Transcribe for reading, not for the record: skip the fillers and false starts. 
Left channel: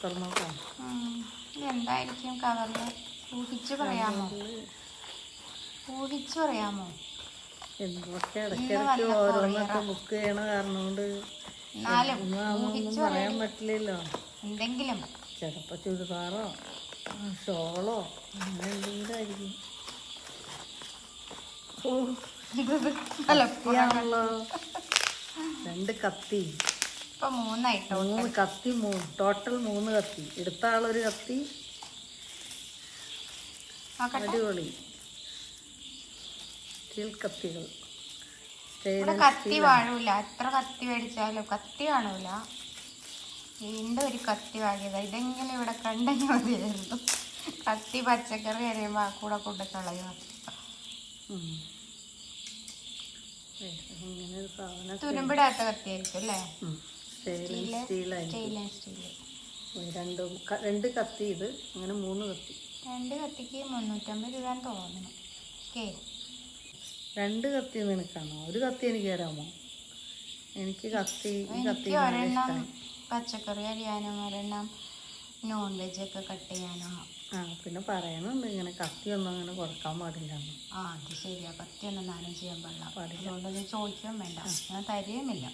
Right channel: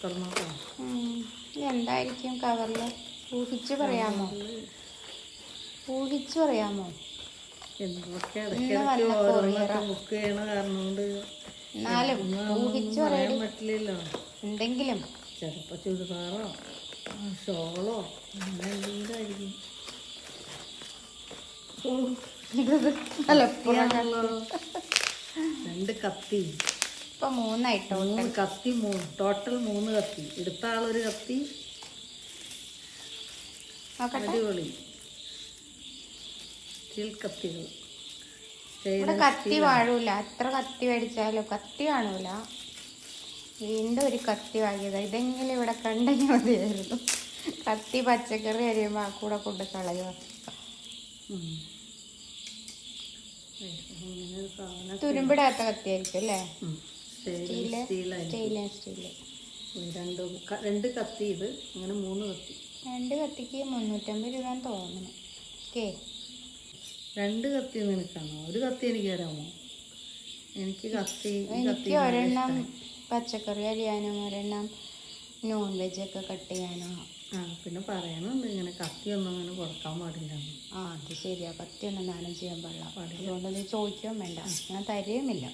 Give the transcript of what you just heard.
തുറന്നോക്കാം. എന്തായിരിക്കും കവറിൽ? ഊഹിച്ചു പറയാമോ? എന്തൊക്കെ ഇടയ്ക്കിടയ്ക്ക് ഓരോന്നൊക്കെ ബുക്ക് ചെയ്യണ കാരണം കൊണ്ട് ഒന്നും പറയാൻ പറ്റില്ലല്ലോ. എന്തെങ്കിലും ചിലപ്പോൾ ചുരിദാറോ ഷോളോ അങ്ങനെ എന്തെങ്കിലും ആയിരിക്കും. കത്തിയാണല്ലോ. 2 കത്തി, 3 കത്തി, ടോട്ടൽ 3 കത്തി. എടുത്ത ആളൊരു കത്തി. അടിപൊളി സ്റ്റീൽ കത്തികൾ. കത്തി വാഴൂല. എത്ര കത്തി മേടിച്ചാലും കത്തി കാണൂല. വീണ്ടും ഒരു കത്തി വാങ്ങിയത്. ഇതെങ്കിലും ഇവിടെ കണ്ടെങ്കിൽ മതിയായിരുന്നു. കത്തി പച്ചക്കറി അരിയുമ്പോൾ കൂടെ കൊണ്ട് കളയുക. തുരുമ്പിടാത്ത കത്തിയായിരിക്കും അല്ലേ? രണ്ട് കത്തി. ഇത് അങ്ങനെ 3 കത്തി. 2 കത്തിക്ക് 350 രൂപ തോന്നുന്നു. 2 കത്തി നിനക്കാണോ? ഒരു കത്തി എനിക്ക് തരാമോ? എനിക്ക് കത്തി പച്ചക്കറി അരിയാനോ, ഒരെണ്ണം നോൺ വെജ് ഒക്കെ കട്ട് ചെയ്യാനോ. പിന്നെ പറയണുണ്ട് ഇങ്ങനെ കത്തിയൊന്നും അങ്ങനെ കൊടുക്കാൻ പാടില്ല. അത് ശരിയാ. കത്തിയൊന്നും മാനേജ് ചെയ്യാൻ പാടില്ല. ചോദിക്കാൻ വേണ്ട. ഞാൻ തരുന്നില്ല.